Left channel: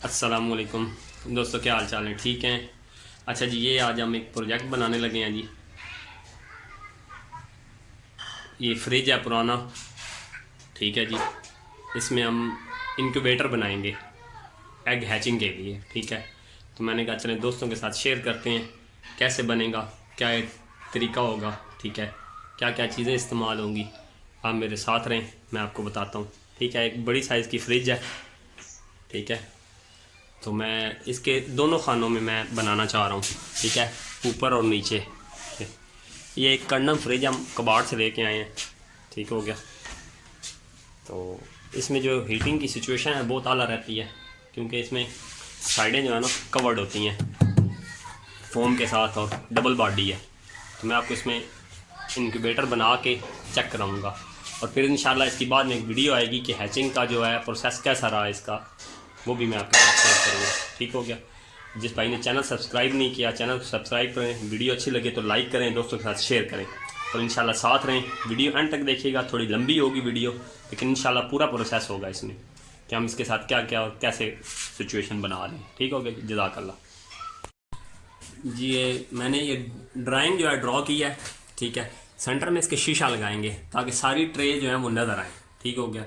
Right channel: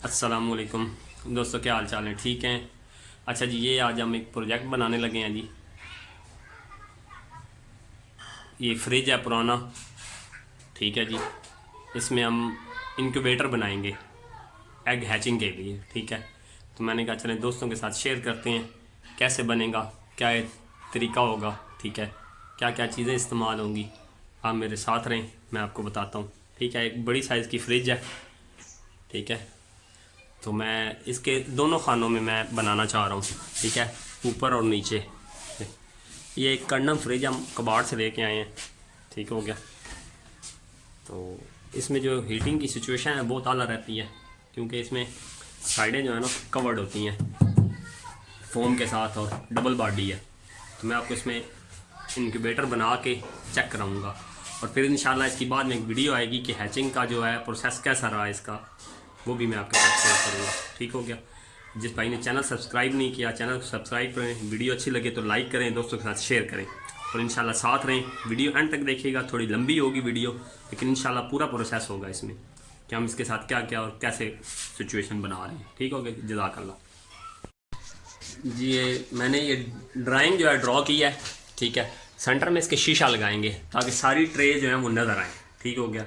अस्सलामुअलैकुम दोस्तों, क्या हाल चाल है? ठीक हैं। अच्छा जी, ये आज हम एक प्रोजेक्ट बनाने लगे हैं जी। ये फ्रिज है पुराना, ठीक है जी। इसमें हम इंक्यूबेटर बनाएंगे एग हैचिंग के लिए, ठीक है। तो मैंने कहा चलें दोस्तों के साथ शेयर करते हैं कैसे बनेगा, क्या तरीका होगा, ठीक है, क्या क्या चीज़ें इस्तेमाल होंगी। आप मेरे साथ रहें, मैं आपको बताता हूँ, ठीक है। एक बड़ी साइज़ की फ्रिज है, ठीक है। तो मैं इसके दोनों खानों में मैं बनाना चाह रहा हूँ, ठीक है, ऊपर और नीचे। ये एक कंडम फ्रिज हम कबाड़ से लेके आए हैं, ठीक हो गया। तो इसमें जो हीटिंग की सिचुएशन है बहुत आला रहती है, क्योंकि इसमें साइडें जो है ना कवर्ड होती हैं फोम के साथ और डबल बॉडी है। तो मैं आपको इसमें इंक्यूबेटर बना के चेक कराऊंगा, और फिर इंशाल्लाह इसके बाद में एक वीडियो आएगी कि हैचिंग का जो है प्रोसेस कैसा रहा इसका, वो भी मैं आपके साथ शेयर करूँगा, ठीक हो गया। जिस भाई ने चैनल सब्सक्राइब नहीं किया, चैनल को सब्सक्राइब करें, वीडियो अच्छी लगे तो लाइक करें, दोस्तों के साथ शेयर करें, और इंशाल्लाह साथ रहें। वीडियो एंड तक देखिएगा, थोड़ी लंबी होगी वीडियो, लेकिन इंशाल्लाह पूरा प्रोसेस होगा इसमें कि हम इसके साथ क्या क्या और कैसे सिचुएशन बना रहे हैं, ठीक हो गया। जज़ाकल्लाह जी। ये मैंने ये ड्राइंग जो है ड्रॉ की है, ठीक है। सेंटर में इसके शीशा लगाएंगे ताकि सारी ट्रे जो है वो नज़र आए, ठीक हो गया।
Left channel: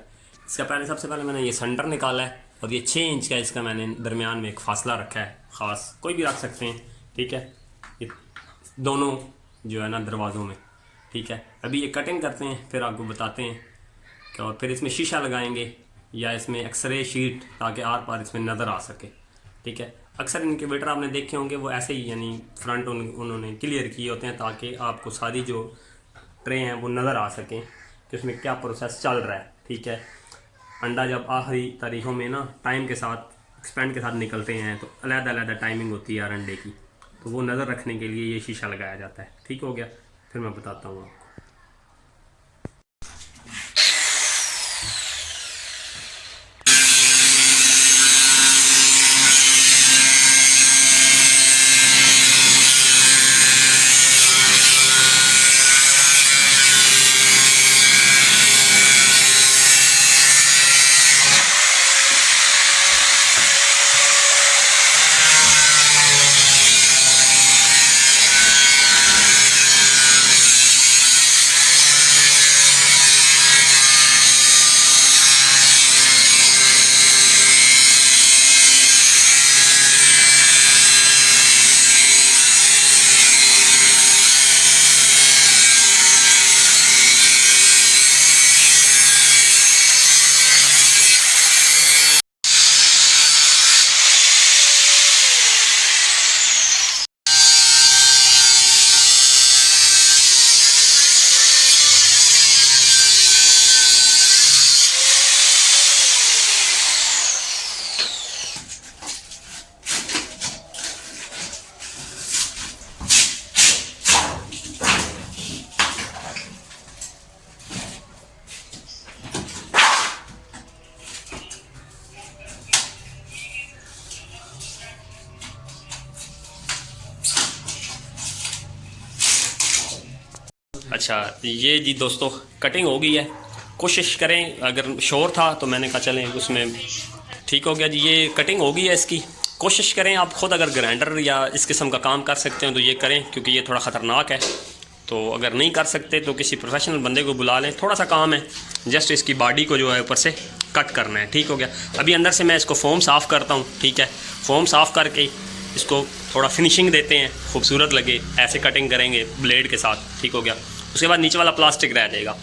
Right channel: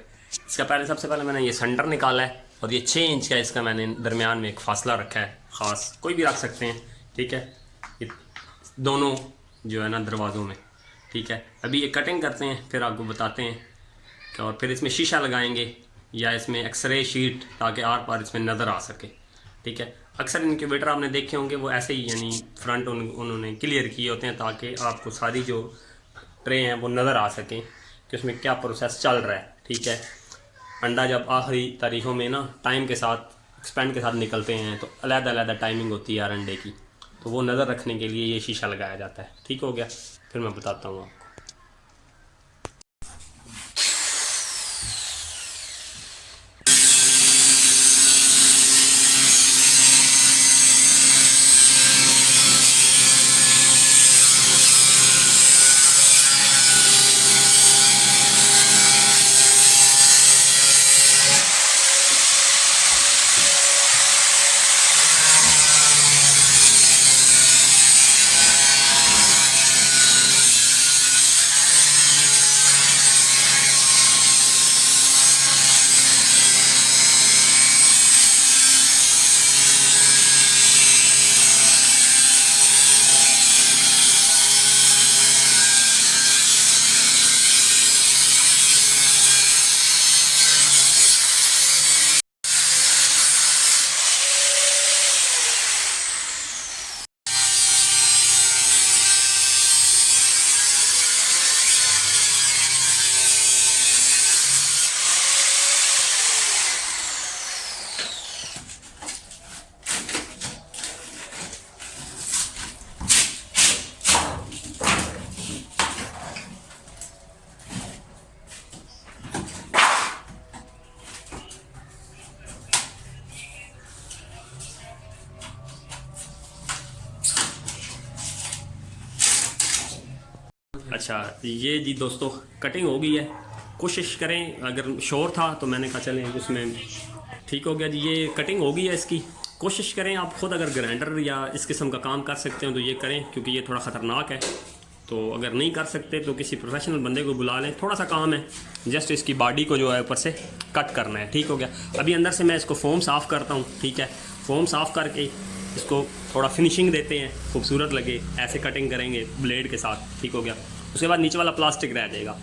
इसका सबसे पहले मैंने ये सेंटर निकाला है, और ये 6 इंच का इसका मैंने दरमियान में एक फासला रखा है, ख़ास कोई भी रख सकते हैं, ठीक है। ये दोनों जो है ना दरवाज़ों में, ठीक है। अभी ये कटिंग करते हैं, फिर आपको बताते हैं कि, और फिर इसमें शीशा लगाएंगे या इसमें एक्सरे शीट, ताकि आर पार इसमें नज़र आ सके, ठीक है। अक्सर इनक्यूबेटर आपने देखे होंगे वो ऐसे ही, यानी फ्रंट उन्होंने क्लियर किए होते हैं ताकि आपको सारी जो ट्रे हैं वो नज़र आ सकें कि उसमें क्या प्रोसेस चल रहा है, ठीक है। अंडा जब आखिरी तारीखों में ना टाइम के साथ एक्सपेंड के साथ निकलते हैं तो अलग-अलग टाइमिंग होती है यार अंडे की, तो वो नज़र रखने के लिए ये शीशा लगाया जाता है, ठीक हो गया। फिर मैं बताता हूँ आपको। अच्छा ये जी दोस्तों, कटिंग हो गई है। कोशिश करें, अगर शोर था तो मैंने कहा चलें उसमें, ठीक हो गया जी। ये कटिंग हो गई है इसकी। कोशिश करें आप ख़ुद अगर ग्राइंडर या इस किस्म का काम कर सकते हैं तो ये करें, क्योंकि ये थोड़ा ख़तरनाक है। तो अगर नहीं कर सकते तो किसी प्रोफेशनल बंदे को बुला लें, थोड़ा सा काम है, जस्ट इसकी बॉडी को जो है ऊपर से कट करना है, ठीक हो गया। अभी अंदर से मैं इसको फोम साफ़ करता हूँ, ठीक है। फोम साफ़ करके इसको थोड़ा फिनिशिंग देते हैं, खूबसूरत लगे, ऐसे कटिंग करेंगे ब्लेड के साथ, ठीक हो गया। उसके बाद नीचे वाला प्लास्टिक रह जाएगा,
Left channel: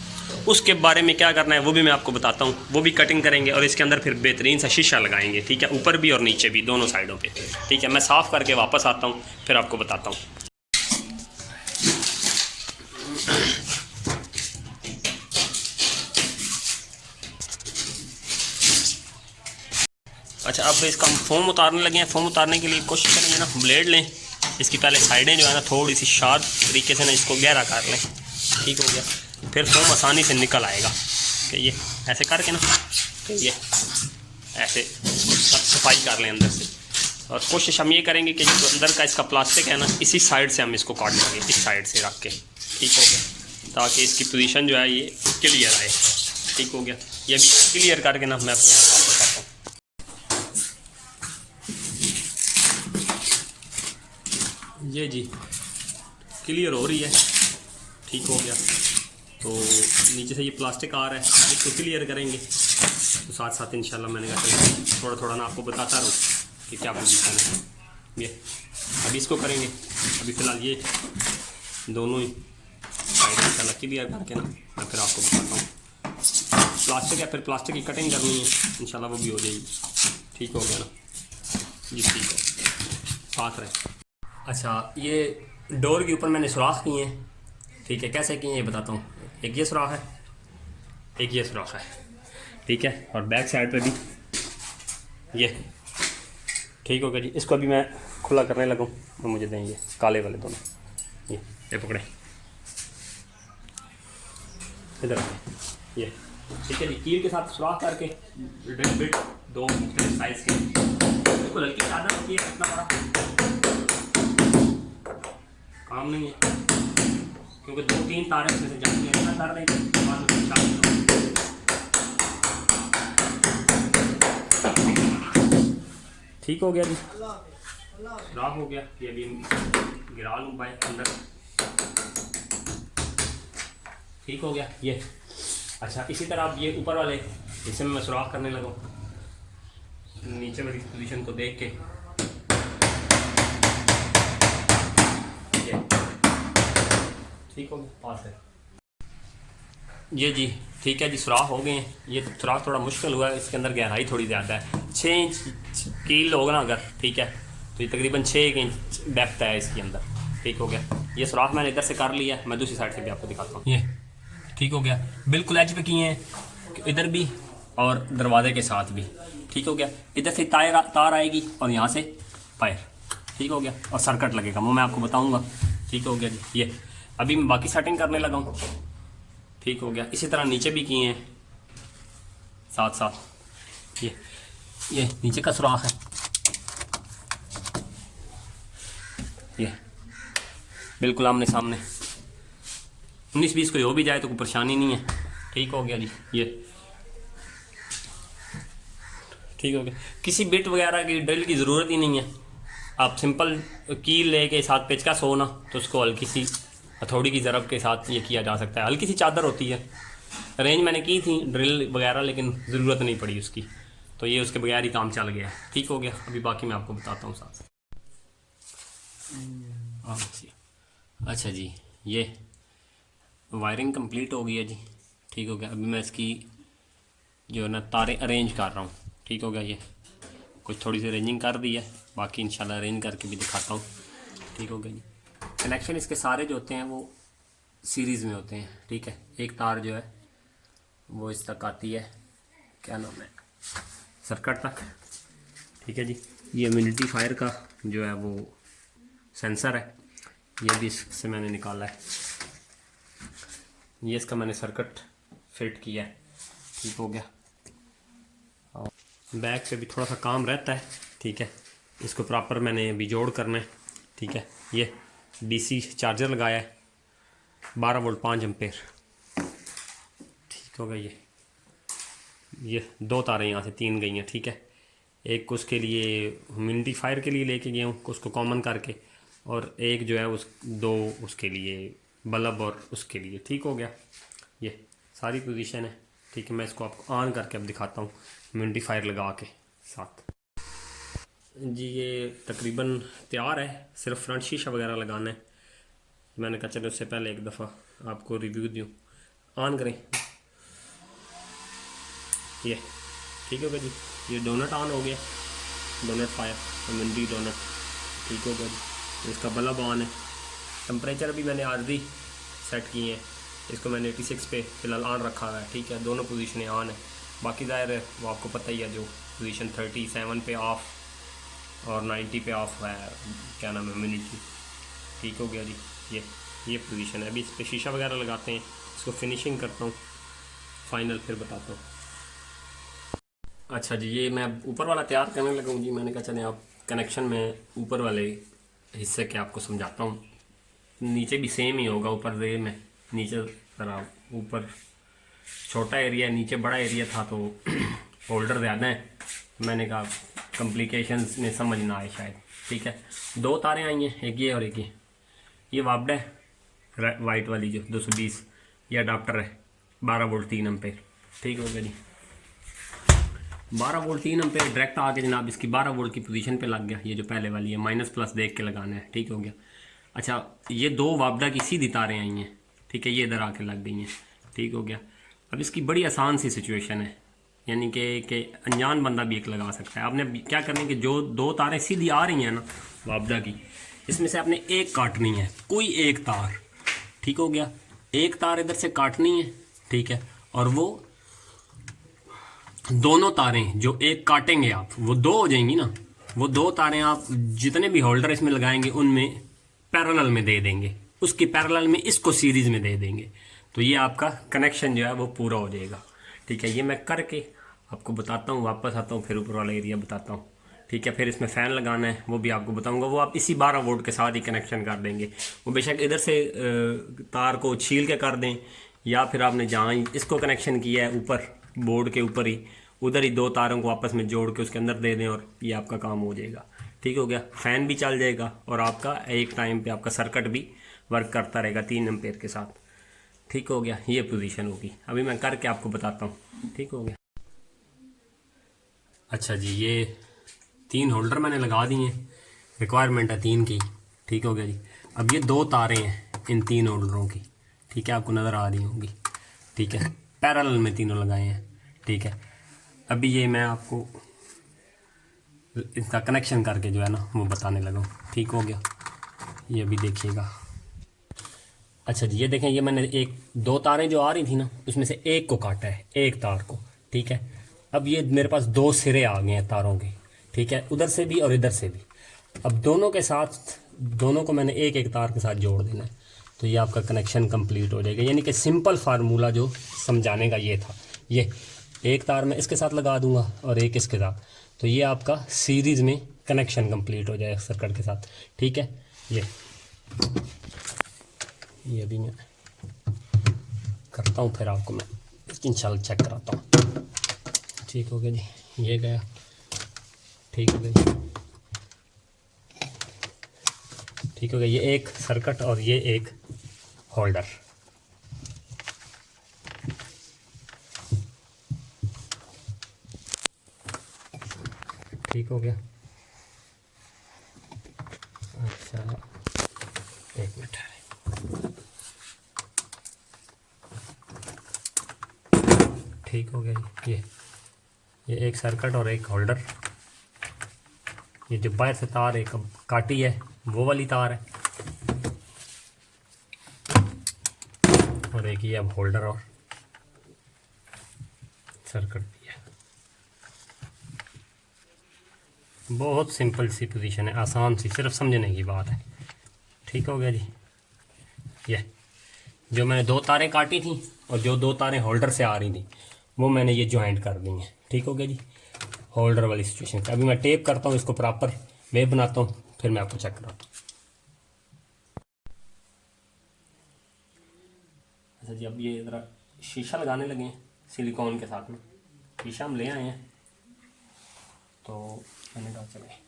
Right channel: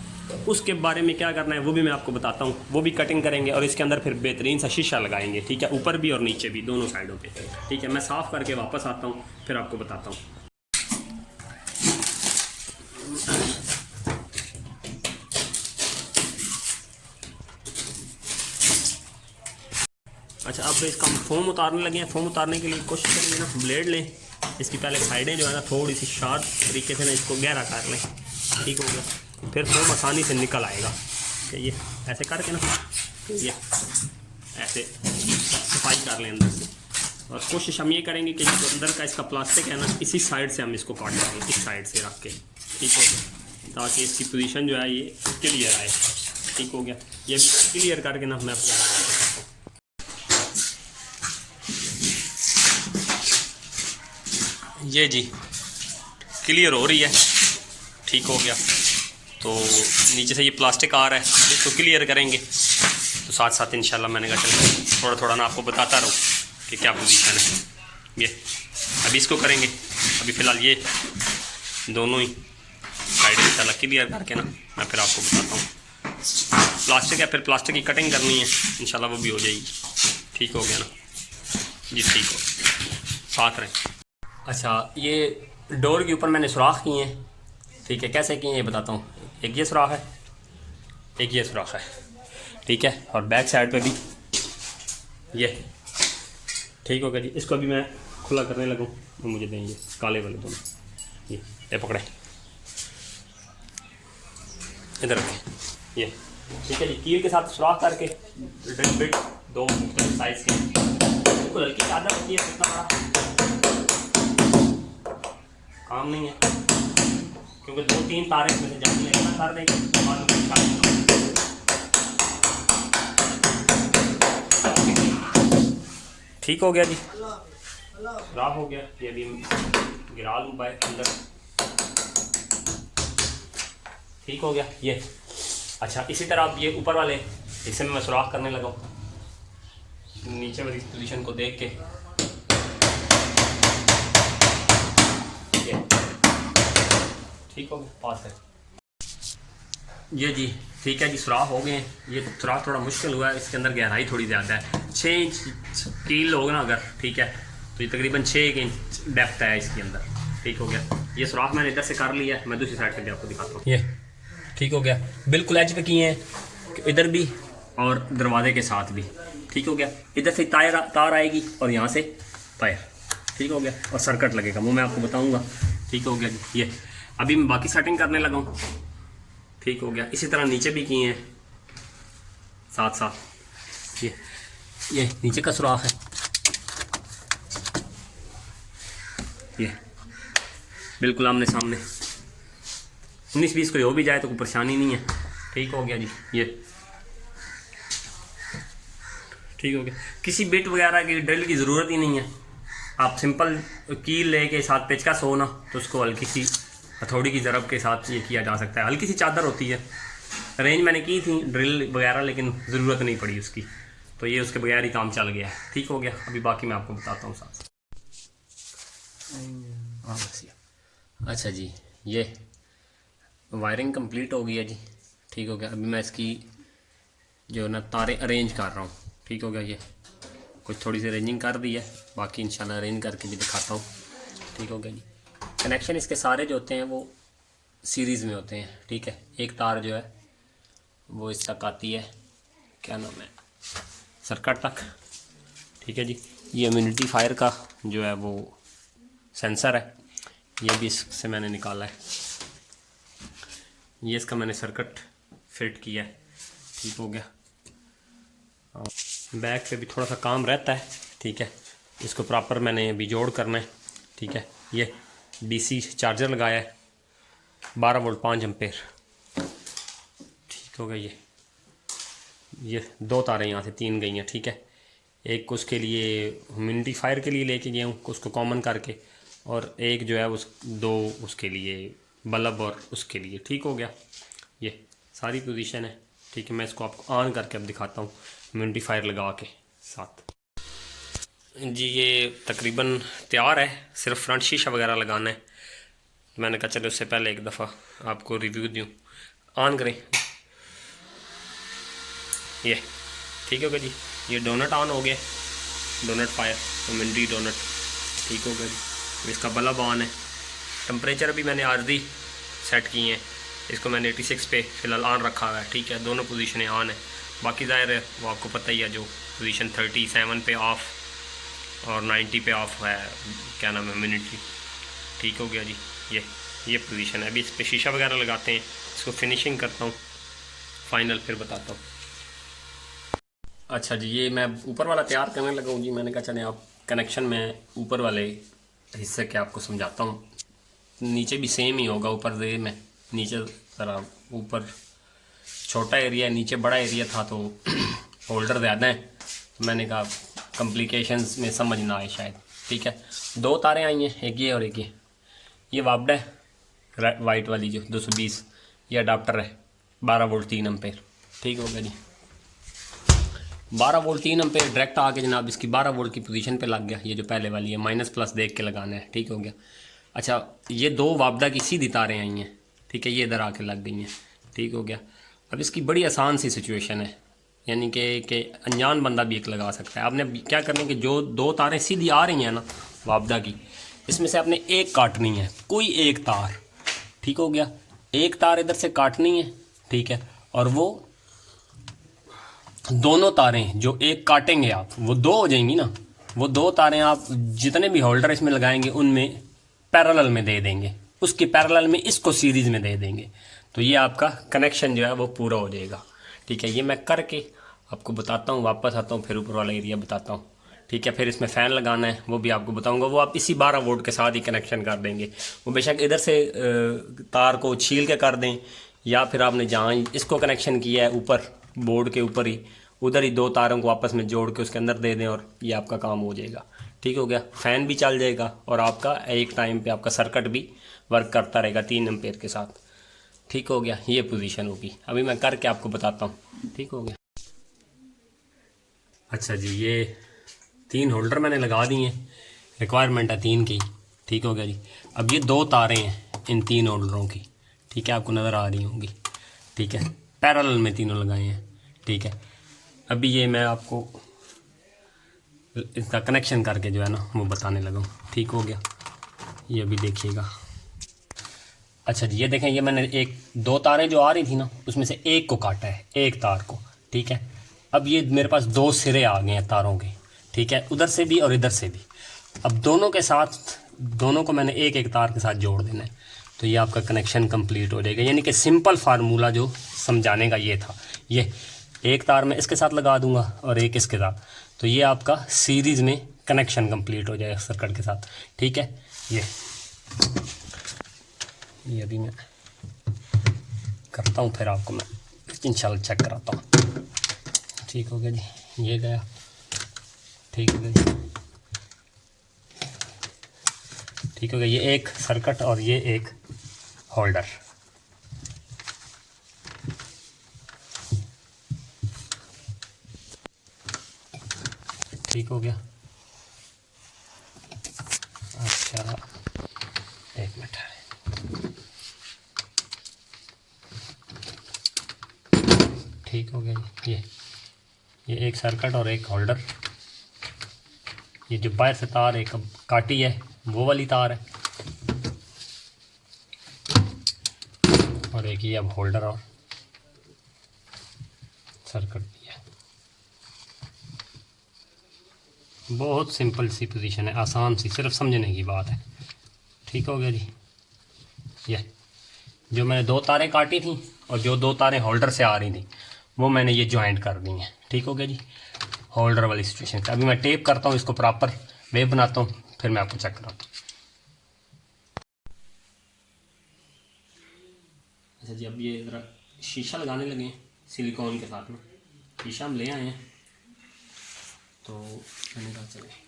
उसके बारे में क्या करना है वो भी मैं आपको बताता हूँ। वो भी कटिंग करेंगे और इसके अंदर फिर बेहतरीन सा शीशा लगाएंगे, ठीक है, ऊपर भी और नीचे भी, दोनों साइडों पे, ठीक है। मैं साफ़ करके वापस आता हूँ, फिर आपको बताता हूँ। अच्छा, अब इसका हम फोम उतारने लगे हैं। फोम उतारने के लिए कोशिश करेंगे ना, ब्लेड लें, इसकी पहले साइडें जो है ना थोड़ी सी शार्प तरीके से ना इसको गहरा कर लें, ठीक हो गया। फिर फोम आसानी से निकल आएगा कि ये ऐसे करके ना, कि ये ऐसे सफाई कर लें अंदर से। और कोशिश हम ये करेंगे कि जो अंदर का इसका प्लास्टिक है ना, इसी साइड से हम इसको काट देंगे, इस साइड से रख के, ठीक हो गया, ताकि इसकी पोजीशन जो है ये क्लियर आए, ठीक हो गया। ये भी क्लियर करके ना मैं अपने यहाँ वापस आता हूँ। ये जी क्लियर हो रही है, ठीक हो गया। तो नीचे से ये प्लास्टिक आ रहा है, इसको क्लियर करेंगे। तो साथ साथ इंशाल्लाह मैंने कहा चलो थोड़ा थोड़ा ना आपको बताता रहूँ कि क्या पोजीशन है। ये अभी इसको करेंगे, अभी फ़िलहाल ये दोनों ही साइड इंशाल्लाह क्लियर करके ना मैं फिर आपको बताता हूँ। प्लास्टिक है, फिर प्लास्टिक की कटिंग करनी है इंशाल्लाह, वो भी हो जाएगी। ठीक हो गया ना जी, ठीक हो, साथ रहें। अच्छा, ये डोर के ऊपर मैंने सुराख किए हैं, ठीक है। कैसे किए हैं ये बताता हूँ। एक ये सुराख है, एक ये सुराख है, ठीक है। और बैक साइड पे भी ये, ठीक हो गया जी। इसको अभी मैं खुला करने लगूँ और मुझे देंगे काले वाले दोनों, ये पकड़े, इधर रखें, ये ठीक है जी। कील के साथ सुराख करके ड्रिल बिट दो साइज़ के, बिल्कुल हल्की चादर होती है, कितना बड़ा काम नहीं है, क्योंकि 2-3 तारे इसमें से जाने लेना कर देंगे। ठीक हो गया जी, खराब हो गया। ये अभी गिरा लूँ बाय अंदर, ठीक हो गया ये। अच्छा, इसी तरह आप ये ऊपर वाले हिस्से में मैं सुराख करने लगा हूँ, नीचे वाली पोजीशन को देख के। ये ठीक हो गया, पास है ये जी, ठीक है जी। सुराख हो गए हैं। ये सुराख थोड़ा मुश्किल हुआ है, इसके अंदर गहराई थोड़ी ज़्यादा है, 6 इंच कील होगा ना अगर, ठीक है। तो ये तकरीबन 6 इंच डेप्थ है इसके अंदर, ठीक हो गया। ये सुराख मैंने इधर से कर लिया है, मैं दूसरी साइड से भी आपको दिखाता हूँ। ये ठीक हो गया, बिल्कुल एज पे किए हैं, इधर भी और दरवाजे के साथ भी, ठीक हो गया। इधर से तार आएगी और यहाँ से पायर, ठीक हो गया। और सर्किट लगेगा, वो मैं आपको बताऊँगा, ठीक हो गया जी। ये अभी मैं बाकी सेटिंग करने लगा हूँ, ठीक हो गया। इसी तरह नीचे भी किए हैं साथ साथ। ये नीचे का सुराख है, ये बिल्कुल आमने सामने। 19-20 कोई हो भी जाए तो कोई परेशानी नहीं है, ठीक हो गया जी। ये ठीक हो गया, किसी बिट वगैरह की ड्रिल की ज़रूरत ही नहीं है। आप सिंपल कील लेके साथ पेचकस हो ना, तो उसको हल्की सी हथौड़ी की ज़रब के साथ ये किया जा सकता है। हल्की सी चादर होती है, अरेंज मैंने की थी ड्रिल वगैरह, लेकिन ज़रूरत नहीं पड़ी उसकी, तो ये उसके बगैर ही काम चल गया है, ठीक हो गया। अभी बाकी मैं आपको बताता हूँ साथ। अच्छा जी, ये वायरिंग कंप्लीट हो गई है जी, ठीक हो गया। अभी मैं इसकी जो ना तारे अरेंज कर रहा हूँ, ठीक हो गया। ये कुछ थोड़ी सी अरेंजिंग कर दी है, बाकी इंशाल्लाह अरेंज करके भी दिखाता हूँ, ठीक हो गया जी। कनेक्शन इसके सारे जो होते हैं वो सीरीज़ में होते हैं, ठीक है। एक तार जो है वो इस तक आती है, क्या नाम है, सर्किट तक, ठीक है जी। ये इम्यूनिटीफायर का जो है वो सेंसर है, ये भी इससे मैंने निकाला है। ये इसका मैंने सर्किट फिट किया है, ठीक हो गया। बैक पे भी थोड़ा सा काम रहता है, ठीक है। इसको प्रॉपर मैंने अभी जोड़ करना है, ठीक है। ये डीसी चार्जर लगाया है, 12 वोल्ट 5 एम्पेयर, ठीक हो गया। ये 2 तारें यहाँ से 3 गई हैं, ठीक है। एक उसके लिए ह्यूमिडिफायर के लिए लेके गया हूँ, उसको कॉमन करके, और एक जो है उस 2 उसके लिए बल्ब और उसके लिए, ठीक हो गया। ये सारी पोजीशन है, ठीक है। मैं इसको आपको ऑन करके अब दिखाता हूँ ह्यूमिडिफायर लगा के साथ जी। ये तकरीबन तैयार है, सिर्फ फ्रंट शीशा वगैरह लगाना है। मैंने कहा चलो उससे पहले एक दफ़ा आपको रिव्यू दूँ। ऑन करें, ये ठीक हो गया जी। ये डोनट ऑन हो गया, डोनट फायर मिंडी डोनट, ठीक हो गया जी। इसका बल्ब ऑन है। टेम्परेचर अभी मैंने आरजी सेट किए हैं, इसको मैंने 86 पे फ़िलहाल ऑन रखा हुआ है, ठीक है। दोनों पोजीशनें ऑन है, बाकी ज़ाहिर है वो आपको पता ही है, जो पोजीशन 37 पे ऑफ़ और 90 पे ऑफ़ है, क्या नाम है, ह्यूमिडिटी, ठीक हो गया जी। ये पोजीशन है। अभी इस पर शीशा वगैरह लगाते हैं, इसको फिनिशिंग करता हूँ, फाइनल फिर बताता हूँ। अच्छा जी, ये मैं ऊपर वाला तैयार करने लगा हूँ जी। मैंने कहा चले आप कनेक्शन में ऊपर वाले हिस्से के आपको समझाता हूँ। नीचे भी सेम ही होगा, ऊपर दे में नीचे ज़रा ऊपर छोटा एरिया है, नीचे बड़ा एरिया था, तो होल्डर ज़्यादा है, मैंने कहा कॉम्प्लिकेशंस में समझ ना आए शायद। ठीक है, 2 तारें आई हैं, एक ये और एक ये वापडा है वाइट वाली जो 220, ये अडाप्टर है 12 वोल्ट 3 एम्पेयर। ठीक हो गया जी, 12 वोल्ट 3 एम्पेयर डायरेक्ट आके जनाब इसकी 12 वोल्ट की पोजीशन पे लग गया। ये जो पहले वाली है माइनस प्लस देख के लगाना है। ठीक हो गया। अच्छा, ये 2 वापडा की सीधी तारें आई हैं। ठीक है, ये इधर आके लग गई हैं। ठीक हो गया। अब इसकी बड़ी आसान सी सिचुएशन है, यानी कि अनजान बंदा भी एक लगा सकता है। आपने क्या करनी है कि जो 2 तारें सीधी आ रही हैं ना वापडा की, इसमें से आपने एक काटनी है, कोई एक तार। ठीक हो गया, एक तार इधर से काटनी है। ठीक है, और वो दोनों तारें जो एक काटेंगे आप, वो 2 हो जाएंगी ना। वो 2 तारें आप जितने भी होल्डर इसमें लगाएंगे उनमें पैरेलल में दे देंगे, उसकी पैरेलल में इसको सीरीज में दे देंगे, तो ये आपका कनेक्शन जो है वो पूरा हो जाएगा। ठीक है, ये मैं करके आपको बताता हूँ, वापस आता हूँ, फिर ऊपर वाला एरिया बताता हूँ। ठीक है, फिर इसमें फ़ैन लगाना है वो भी आपको बताऊंगा, वो आप इसी 12 वोल्ट के साथ ही कनेक्शन कर देंगे। वो बेशक इधर से तार को छील के कर दें, या फिर आपने जहाँ इसको कनेक्शन किया है ऊपर बोर्ड के ऊपर ही, उधर ही 2 तारों को आपस में जोड़ के उसके अंदर दे दें और ये आपका काम हो जाएगा। ठीक हो गया, फ़ैन भी चल जाएगा और आपका एक टाइम पे आपका सर्किट भी वर्क करता रहेगा 3 एम्पेयर के साथ। ठीक हो गया, ये पोजीशन होगी। अभी मैं करके आपको बताता हूँ। ठीक हो गया। अच्छा जी, ये 3 होल्डर मैंने लगा दिए हैं, रिक्वायरमेंट है 3 की। ठीक हो गया जी। अब ये 2 तारें हैं इन 3 होल्डरों की। ठीक है, आपको नज़र आ रही होंगी। ठीक है, पैरेलल में तीनों लगाए हैं। ठीक है, अभी ये मैं आपको इसका कनेक्शन करके जो है ना वो बताने लगा हूँ। ठीक हो गया, ये अभी देखिएगा। अच्छा जी, ये देखें, ये मैंने 2 तारें जो आ रही थी ना उसमें से एक को काटा है, एक तार को। ठीक है, अब ये मेरे पास 2 सिरे आ गए हैं तारों के। ठीक है, उधर से भी और इधर से भी। अब दोनों के साथ, दोनों को मैंने एक एक तार के साथ जोड़ देना है, तो ये आपका कनेक्शन कंप्लीट हो जाएगा। यानी कि सिंपल फार्मूला जो समझाने का ये था, ये एक तार मैं इसके साथ लगा दूंगा और एक इसके साथ, तो ये आपका सीरीज़ में कनेक्शन कंप्लीट हो जाएगा सर्किट के साथ। ठीक है, ये अभी मैं करता हूँ, फिर आपको मैं इंशाल्लाह चेक कराता हूँ। ठीक हो गया जी, ये गया। ठीक हो गया जी, ठीक हो गया। ये एक सर्किट और ये एक होल्डर। ठीक हो गया। अच्छा, एक मिनट, ठीक हो गया। ये एक सर्किट और एक होल्डर। ये जो बाहर से तार एक काटी है वो वाली तार है, और एक ये अब होल्डर और सर्किट भी है। बहुत सिंपल सी पोजीशन है, आसान सी, सिर्फ समझने की बात है। ठीक हो गया जी। ये जो मैंने 2 तारें काटी थी और जो 2 तारें होल्डर से आ रही थी वो मैंने ये ज्वाइंट कर दी हैं। ठीक हो गया जी, होल्डर वाली सिचुएशन। अभी मैं टेप करता हूँ, इसको प्रॉपर वेव बनाता हूँ, फिर मैं आपको चेक कराता हूँ। अच्छा जी, अब ये ज़रा शीशा लगाने लगे हैं सिलिकॉन के साथ में। शीशा हम ले आए हैं, तो मैंने कहा चले।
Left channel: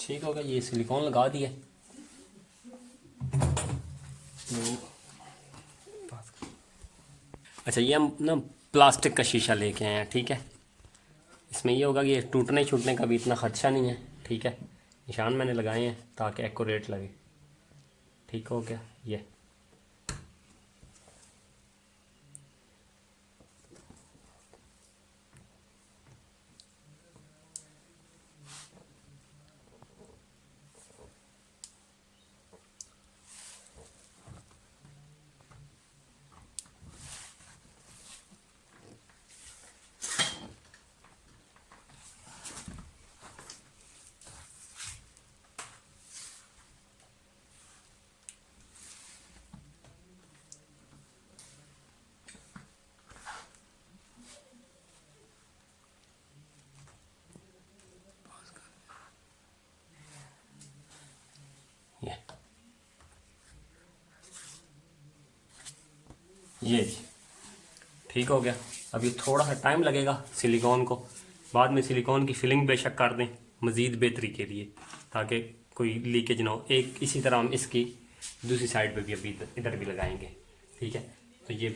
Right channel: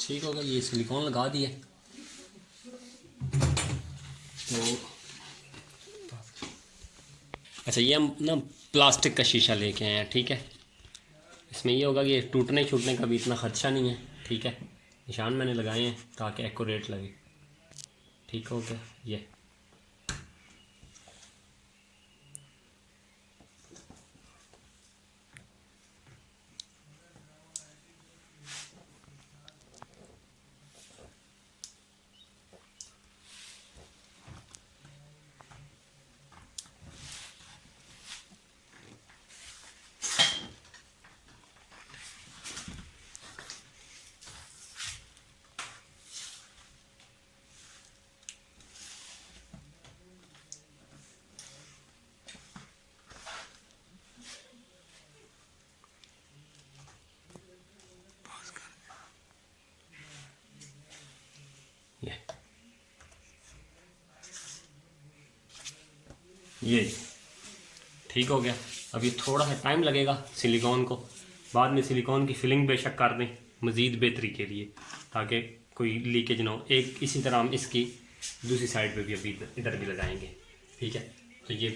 ठीक हो गया, ये सिलिकॉन लगा दिए। तो अच्छा, ये हम ना प्लास्टिक का शीशा लेके आए हैं। ठीक है, इसमें ये होगा कि टूटने छूटने का भी इतना खदशा नहीं है। ठीक है, निशान मैंने लगाए हैं ताकि एक्यूरेट लगे। ठीक हो गया। ये ये ठीक हो गया। अभी थोड़ा सा टाइम लगेगा सिलिकॉन को, बाद में सिलिकॉन की फिलिंग बेशक कर दें मज़ीद बेहतरी के लिए, ताकि कोई लीकेज ना हो। एक इसी तरह हम इसकी दूसरी साइड पे भी अभी इधर भी लगाएंगे, ठीक है। तो ये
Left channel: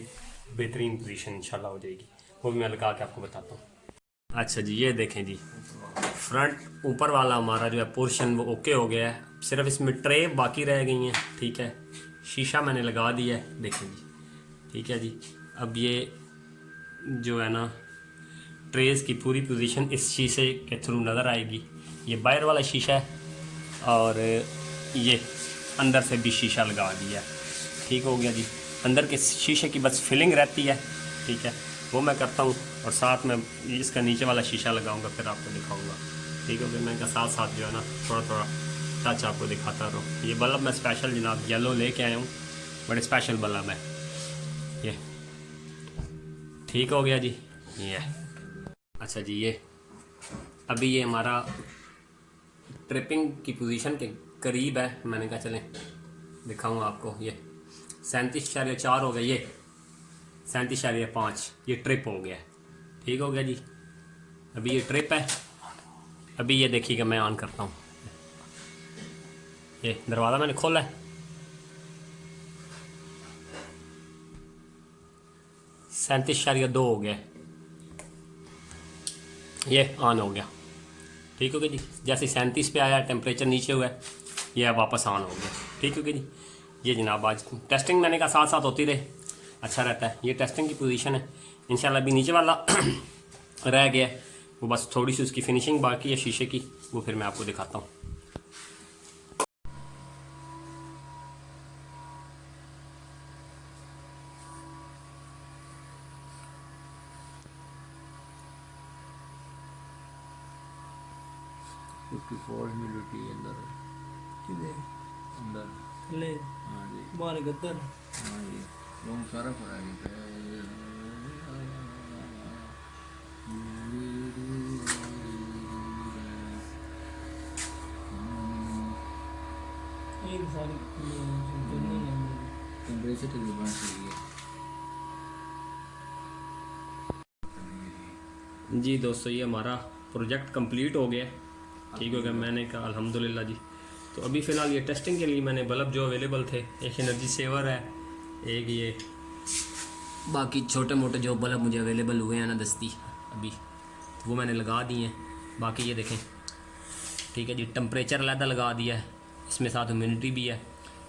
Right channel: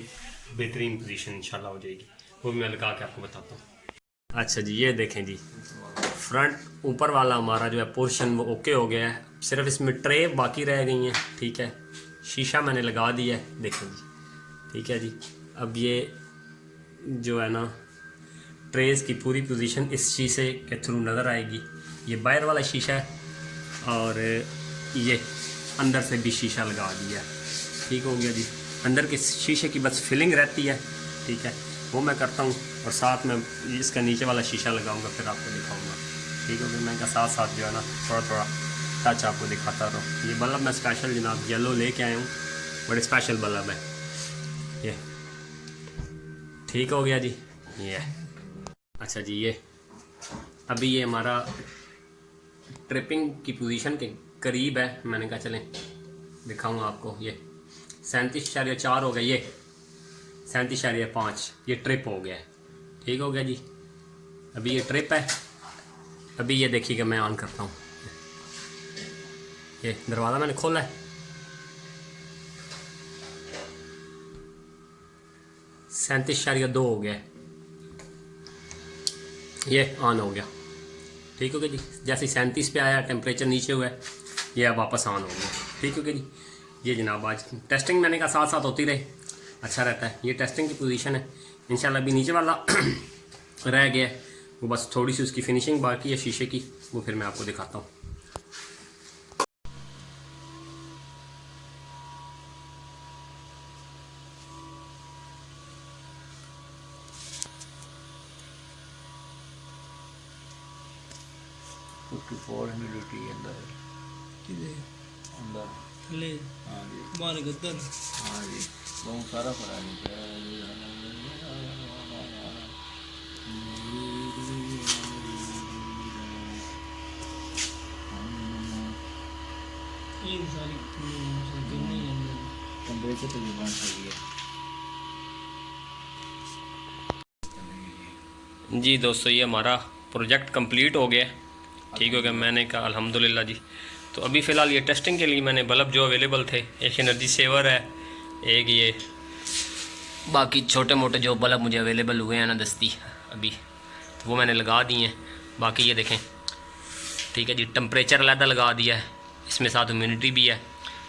बेहतरीन पोजीशन इंशाल्लाह हो जाएगी, वो भी मैं लगा के आपको बताता हूँ। अच्छा जी, ये देखें जी, फ्रंट ऊपर वाला हमारा जो है पोर्शन वो ओके हो गया है, सिर्फ इसमें ट्रे बाकी रह गई हैं, ठीक है। शीशा मैंने लगा दिया है, देखें जी, ठीक है जी। अब ये जो है ना ट्रेस की पूरी पोजीशन इस शीशे के थ्रू नज़र आएगी। ये बाहर वाला शीशा है और ये अंदर से भी शीशा लगा दिया, ठीक हो गया जी। अंदर के शीशे की बस फिलिंग रहती है, ठीक है, वो मैं करता हूँ, और साथ में इसका नीचे वाला शीशा लगाऊंगा, फिर आपको दिखाऊंगा, ठीक हो गया। मैं इनका साथ साथ जो है ना थोड़ा थोड़ा टच आपको दिखाता रहूँ। ये बल्ब मैं स्पेशल जनाब येलो लेके आया हूँ, बड़े स्पेशल बल्ब है ये, ठीक हो गया जी। ये अच्छा जी, ये अभी ये हमारा ट्रिपिंग की पोजीशन के करीब है, मैंने कहा चलें दिखाऊँ आपको। ये 37.4 हो गया, ये 37.5 ये ट्रिप हो गया, ठीक हो गया जी। अभी ये ट्रिप है, अभी ये देखिएगा मैं ऑन करता हूँ। ये दरवाज़ा मैंने खोला है, 37.2 हो गया, ये ऑन हो गया, ठीक हो गया जी। जैसे 37 पे आया टेम्परेचर नीचे हुआ है, ये अब वापस ऑन हो गया, ठीक हो गया जी। ये जनाब आज टेस्टिंग मैंने कहा साथ साथ होती रहे, अच्छा रहता है। ये टेस्टिंग की पोजीशन है इंशाल्लाह। अभी नीचे वाला रह गया, वो बस थोड़ी सी उसकी फिनिशिंग बाकी है शीशे की, वो फिर मैं आपको दिखाता हूँ। सारा फराग टेम्परेचर तो डिमांड है जी दोस्तों, ये हमारा प्रोजेक्ट कंप्लीट हो गया, ठीक हो गया। मैंने कहा अल्हम्दुलिल्लाह जी। तो अभी फ़िलहाल ये टेस्टिंग के लिए मैंने बल्ब जो अवेलेबल थे, एक एनर्जी सेवर है, एक ये बाकी छोटे मोटे जो बल्ब मुझे अवेलेबल हुए हैं ना दस्ती अभी, तो वो मैंने लगा दिए हैं। बाकी ये देखें, ठीक है जी, टेम्परेचर अलग लगा दिया है, इसमें साथ ह्यूमिडिटी भी है,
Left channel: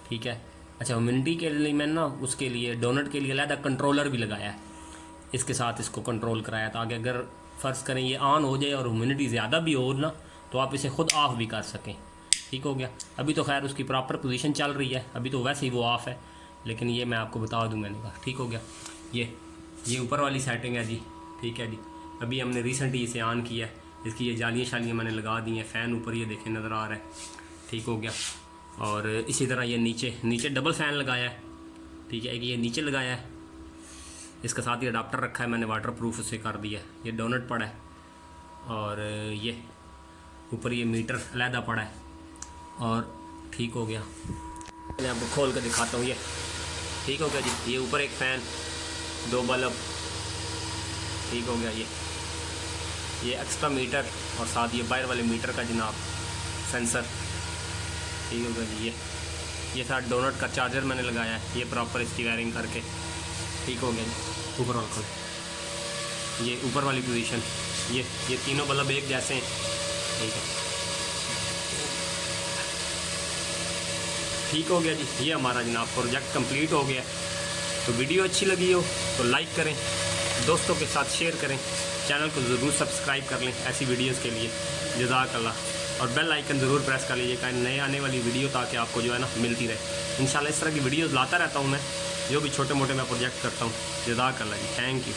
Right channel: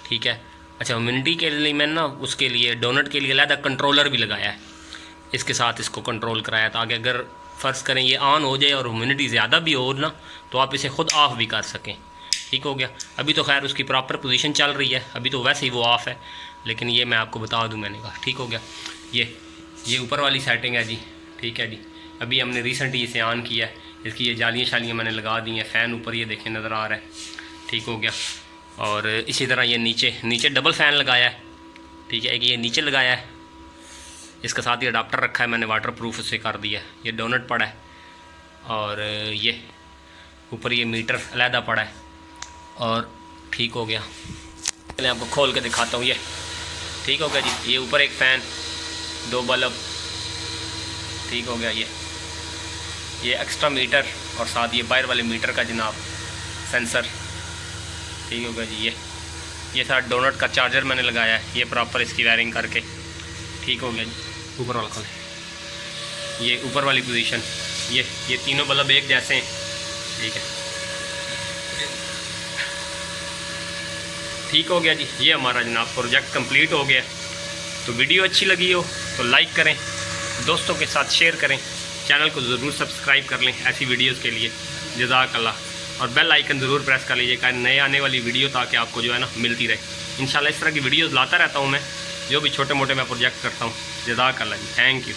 ठीक है। अच्छा, ह्यूमिडिटी के लिए मैंने ना उसके लिए डोनट के लिए अलग कंट्रोलर भी लगाया है, इसके साथ इसको कंट्रोल कराया, ताकि अगर फ़र्ज़ करें ये ऑन हो जाए और ह्यूमिडिटी ज़्यादा भी हो ना, तो आप इसे ख़ुद ऑफ़ भी कर सकें, ठीक हो गया। अभी तो खैर उसकी प्रॉपर पोजीशन चल रही है, अभी तो वैसे ही वो ऑफ़ है, लेकिन ये मैं आपको बता दूं, मैंने कहा ठीक हो गया। ये ऊपर वाली सेटिंग है जी, ठीक है जी। अभी हमने रिसेंटली इसे ऑन किया है, इसकी ये जालियाँ शालियाँ मैंने लगा दी हैं, फ़ैन ऊपर ये देखें नज़र आ रहा है, ठीक हो गया। और इसी तरह ये नीचे डबल फ़ैन लगाया है, ठीक है। एक ये नीचे लगाया है, इसके साथ ये अडाप्टर रखा है मैंने, वाटर प्रूफ उसे कर दिया है। ये डोनट पड़ा है, और ये ऊपर ये मीटर अलहदा पड़ा है, और ठीक हो गया। मैं आपको खोल के दिखाता हूँ, ये ठीक हो गया जी। ये ऊपर एक फ़ैन, 2 बल्ब, ठीक हो गया। ये एक्स्ट्रा मीटर और साथ ये बाहर वाले मीटर का जनाब सेंसर, ठीक हो गया जी। ये साथ डोनट का चार्जर मैंने लगाया है, ये प्रॉपर इसकी वायरिंग करके, ठीक हो गया जी। ऊपर वाला खोले, ये ऊपर वाली पोजीशन, ये तीनों बल्ब एक जैसे हैं, ठीक है, ठीक हो गया जी। ये हमारा जनाब प्रोजेक्ट कंप्लीट हो गया। तो वीडियो अच्छी लगी हो तो लाइक करें, दोस्तों के साथ शेयर करें, चैनल को ज़रूर सब्सक्राइब कर लें ऐसी वीडियोस के लिए, जज़ाकल्लाह। और बेल आइकन ज़रूर प्रेस कर लीजिएगा नए आने वाली वीडियो, ताकि आपको जो है ना मिलती रहे। इंशाल्लाह इस तरह की वीडियोस लाता रहता हूँ मैं, जो भी छोटे मोटे मैं प्रोजेक्ट करता हूँ। जज़ाकल्लाह जी, थैंक यू।